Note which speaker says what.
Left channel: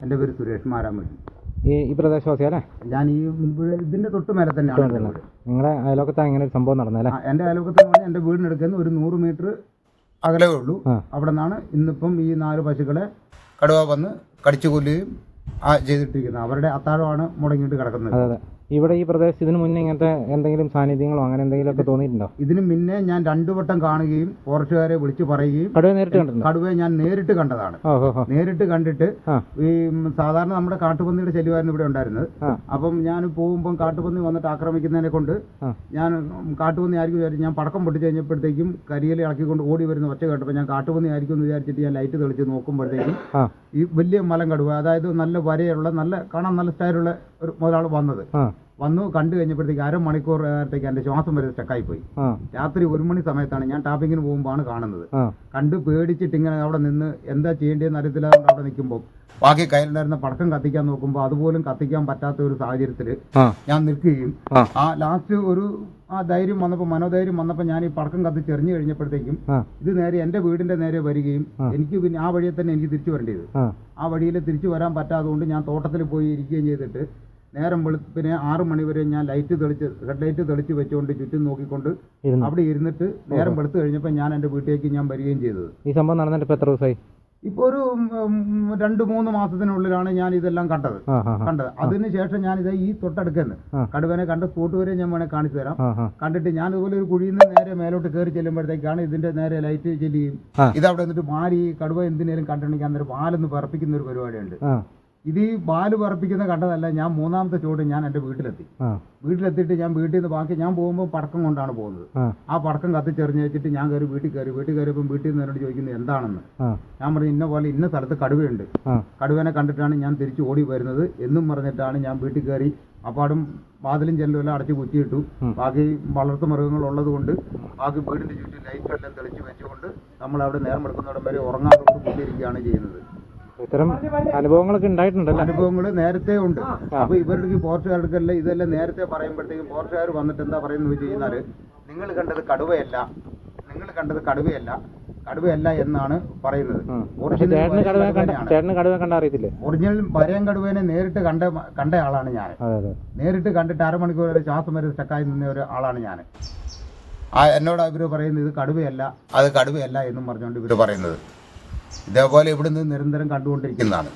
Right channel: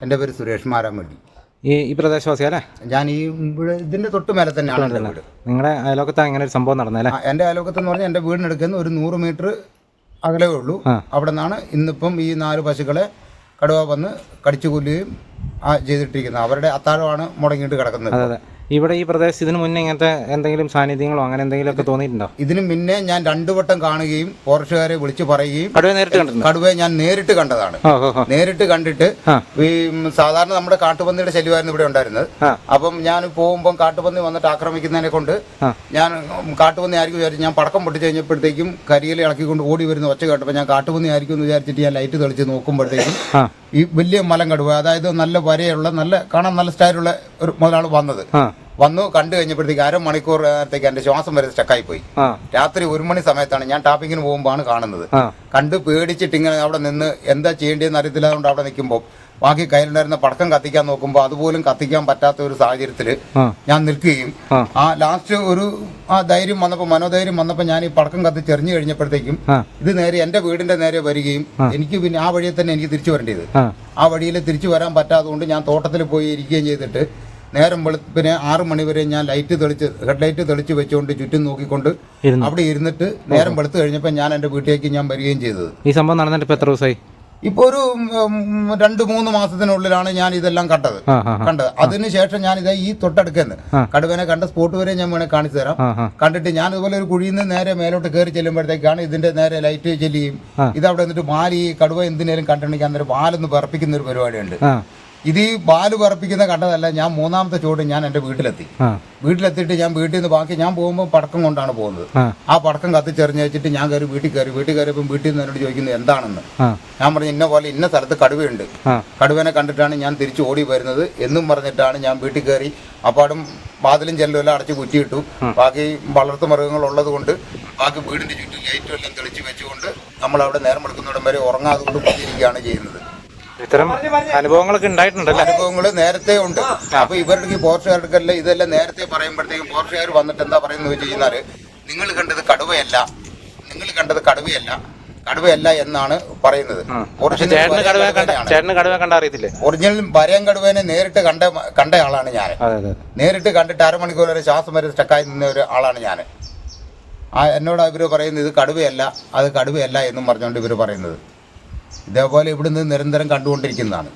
Speaker 1: എന്റെ പേര് സുരേഷ് മാരാമണ്ടി
Speaker 2: ഈ ഈ പ്രദേശവാസി അല്ലേ?
Speaker 1: ഞാൻ ഈ ഇവിടെ ഇതിന്റെ തൊട്ട് മേലെ തന്നെയാണ് എന്റെ വീട്.
Speaker 2: നിങ്ങളുടെ അയലോക്കത്താണ് ഇങ്ങനെ ഒരു സംഭവം നടന്നല്ലേ
Speaker 1: ആ, എന്റെ അയലോക്കത്ത് എന്ന് പറഞ്ഞാൽ എന്റെ വീടിനടുക്കുന്ന ഒരു നൂറ് മീറ്റർ അകലേ ഉള്ളൂ. അവിടെ നിന്നാണ് ഇന്നിപ്പം ഈ നാല് പശുക്കളെ കടുവ വന്ന് കടിച്ചു കൊല്ലുകയും ആ ചെയ്തിട്ടിരിക്കുന്നത്. അവരുടെ അത്താഴമാണ് മുടങ്ങിയിട്ട് കിടക്കുന്നത്.
Speaker 2: അതെ. ഇവിടെ ഈ പ്രദേശത്ത് ഇതിന് മുന്നേ ഇങ്ങനത്തെ എന്തെങ്കിലും സാന്നിധ്യങ്ങളോ അങ്ങനെ എന്തെങ്കിലും ഒക്കെ തോന്നിയിട്ടുണ്ടോ?
Speaker 1: ഇതിനു മുന്നേ ഞാൻ രണ്ടു വട്ടം കാണുകയും ഫോറസ്റ്റുകാരെ വിളിച്ചു പറയുകയും
Speaker 2: കടുവ നേരിട്ട് കടുവ
Speaker 1: കടുവയെ ഞാൻ നേരിട്ട് കണ്ടതാണ്. നേരിട്ട് കണ്ടിട്ട് ഈ സാധാരണ നമ്മുടെ കാട്ടുപന്നിയുടെ ശല്യമായിരുന്നു ഇവിടെ ഉണ്ടായിരുന്നത്. അപ്പം ഞാൻ പോകുമ്പോൾ കാട്ടുപന്നി വന്നിട്ട് ആക്രമിക്കുന്നതിനെ കൊണ്ട് ഞാൻ കാട്ടുപന്നി ആയിരിക്കും വിചാരിച്ചു ഞാൻ പടക്കം പൊട്ടിച്ച് കഴിഞ്ഞപ്പോഴത്തേക്കും കരിയിൽ ഇളക്കിക്കൊണ്ട് ഓടി വരുന്ന ഒച്ച കേട്ടപ്പോൾ ഞാൻ കാട്ടുപന്നി ആയിരിക്കും എന്ന് വിചാരിച്ചിട്ട് ഞാൻ ലൈറ്റ് തെളിച്ച് നോക്കുമ്പോഴത്തേക്കും ഈ വലിയ മലം കടുവ അതായത് നല്ല വരയുള്ള നല്ല കാണാൻ നല്ല സ്റ്റൈലുള്ള ഒരു മുതലാണ് വന്നത്. വന്നു കണ്ടു കഴിഞ്ഞപ്പോഴത്തേക്ക് അരമണിക്കൂർ നേരത്തേക്ക് എന്റെ ശ്വാസം വരെ സ്റ്റക്കായി പോയി രാത്രി ഒരു മണി സമയത്താണ് ഞാൻ ടാപ്പിങ്ങിന് പോകുമ്പോഴാണ് കാണുന്നത്. കണ്ട് പേടിച്ചിട്ട് ഇങ്ങനെ അവിടെ നിന്ന് എന്താ ചെയ്യേണ്ടതെന്ന് അറിയത്തില്ല അതുകൊണ്ട് അവിടെ നിൽക്കുമ്പോൾ ബാക്കി കയ്യിലുണ്ടായിരുന്ന പടക്കം കത്തിക്കാൻ നോക്കുമ്പോൾ അതുപോലും കത്തിക്കാൻ പറ്റാത്ത ഒരു സാഹചര്യത്തിൽ ഞാൻ നിൽക്കുകയും
Speaker 2: ആ.
Speaker 1: ലാസ്റ്റ് ഒരു ആ ധൈര്യം വന്നപ്പോൾ മനോധൈര്യം വന്നപ്പോൾ ഞാൻ ഈ പടക്കം കത്തിച്ചെറിഞ്ഞു കഴിഞ്ഞപ്പോഴത്തേക്കും
Speaker 2: ആ.
Speaker 1: ഇത് നേരെ എന്റെ വീടിന്റെ നേരെ വരികയും എനിക്ക് പിന്നെ ആ വഴിയെ തന്നെ എനിക്ക് തിരിച്ചു വരേണ്ടത്
Speaker 2: ആ
Speaker 1: വഴിയിൽ തിരിച്ചു വരാൻ പറ്റാത്തതുകൊണ്ട് ഞാൻ തോട്ടത്തിൽ പോയി ഇരിക്കുകയും ചെയ്തിട്ട് നേരം വെളുപ്പിന് ആറു മണി വരെ ഞാൻ ലൈറ്റ് തെളിച്ച് ഹെഡ് ലൈറ്റ് തെളിച്ച് വെച്ചുകൊണ്ട് ചുറ്റും നോക്കിക്കൊണ്ട് അവിടെ ഇരുന്നിട്ട് നേരം വെളുത്ത് കഴിഞ്ഞപ്പോൾ ഞാൻ എന്റെ വീട്ടിലേക്ക് ഞാൻ വരികയും ചെയ്തത്.
Speaker 2: ഈ സംഭവം നടന്നിട്ട് എത്ര ദിവസമായി?
Speaker 1: ഇപ്പോൾ ഒരു രണ്ട് മൂന്ന് മാസത്തിനുള്ളിലാണ് ഞാൻ ഇതെല്ലാം കണ്ടത്. കണ്ടത്. അതിനുശേഷം ഞാൻ ഇത് ഈ
Speaker 2: തൊട്ടടുക്കുന്നത്
Speaker 1: കടുവനെ കണ്ട സ്പോട്ട് വരെ ഞാൻ വേണേൽ കാണിച്ചു തരാം. കണ്ടിട്ട് ഞാൻ ഇതുപോലെ ഒരു കുഴിയിൽ നിന്ന് നേരെ മേലോട്ട് കയറി ചെല്ലുമ്പോഴത്തേക്കാണ് ഇതിന്റെ നേരെ ലൈറ്റ് ചെല്ലുകയും ഇതവിടെ നിന്നിട്ട് പാൽ ഈ കടുവ എന്തിനേലും കണ്ടിട്ടുണ്ടെങ്കിൽ അന്നേരം പാലൊന്ന് പറപ്പിക്കുന്ന ഒരു പരിപാടിയുണ്ട്. ഇത് ഈ പാൽ പറപ്പിക്കുന്ന കണ്ടതല്ല ഞാൻ മൂന്നാമത്തെ ചുവട് ഞാൻ എന്റെ വീട്ടിലെത്തി. വീട്ടിലെത്തിയിട്ട് ഞാൻ വീട്ടിൽ നിന്ന് ബാക്കി ഞാൻ പോകുമ്പോൾ പടക്കം കൊണ്ടാണ് പോകുന്നത്.
Speaker 2: ആ.
Speaker 1: പടക്കം കത്തിച്ചെറിഞ്ഞ് വെച്ചിട്ട് ഞാൻ കയറി വീട്ടിൽ കയറി വീട്ടിൽ കയറിയപ്പോൾ വീട്ടിൽ നിന്ന് എന്നോട് ചോദിക്കുന്നത് എന്താണെന്ന്. ഞാൻ പറഞ്ഞു ഇന്ന പോലെ ഇന്ന സ്ഥലത്ത് കടുവയുണ്ട്. കടുവനെ കണ്ടിട്ടാണ് ഞാൻ തിരിച്ചു ഓടി വരുന്നത് എന്നും പറഞ്ഞിട്ടാണ് ഞാൻ വീട്ടിൽ കയറി അപ്പാടും വാതിലും ചെല്ലും എല്ലാം അടച്ച് കുറ്റിയിട്ടു. ബാക്കി വളർത്തു മൃഗങ്ങൾ ഉള്ളത് കൊണ്ട് ബാക്കി വീടിന്റെ ചുറ്റും ലൈറ്റും എല്ലാം തെളിച്ച് വെച്ചുകൊണ്ട് നമ്മൾ അവിടെ നേരം എടുക്കുന്നിടം വരെ ഉറങ്ങാതെ കൊണ്ട് പോയിരിക്കുകയാണ് ചെയ്യുന്നത്.
Speaker 2: ഇത്തരം അനുഭവങ്ങളൊക്കെ ഉണ്ടായിട്ടുണ്ടല്ലോ?
Speaker 1: അനുഭവങ്ങൾ നേരത്തെ ഉണ്ട്. അപ്പൊ ഇവരുടെ പോർച്ചുകാർക്കല്ല ഇതെല്ലാം നേരത്തെ പറയുമ്പോഴത്തേക്കും പോർച്ചുകാർ വന്നിട്ട് എന്താ പറയുന്നത് വെച്ച് കഴിഞ്ഞാൽ നിങ്ങൾ കണ്ടത് കടുവയല്ല. നിങ്ങൾ കണ്ടത് കടുവയല്ല. കടുവയല്ല എന്നാണ് പറയുന്നത്. ഒറിജിനൽ ഒറിജിനൽ വരയൻ കടുവേനെ നേരിട്ട് കണ്ട കണ്ട ആളാണ് ഞാൻ. നേരിട്ട് കണ്ടിട്ട് അരമണിക്കൂർ വരെ ശ്വാസം വരെ സ്റ്റക്കായി നിന്ന ഒരു ആളാണ് ഞാൻ. ആ എന്നോട് ഇവർ പറയുന്നത് ഇത് കടുവയല്ല അത് കടുവയല്ല എന്നും പറഞ്ഞുകൊണ്ട് ഇവർ പറയുന്നത്. ഇതേപോലെ ഇവിടുന്ന് നിരന്തരം കണ്ടുകൊണ്ടിരിക്കുന്നതാണ്.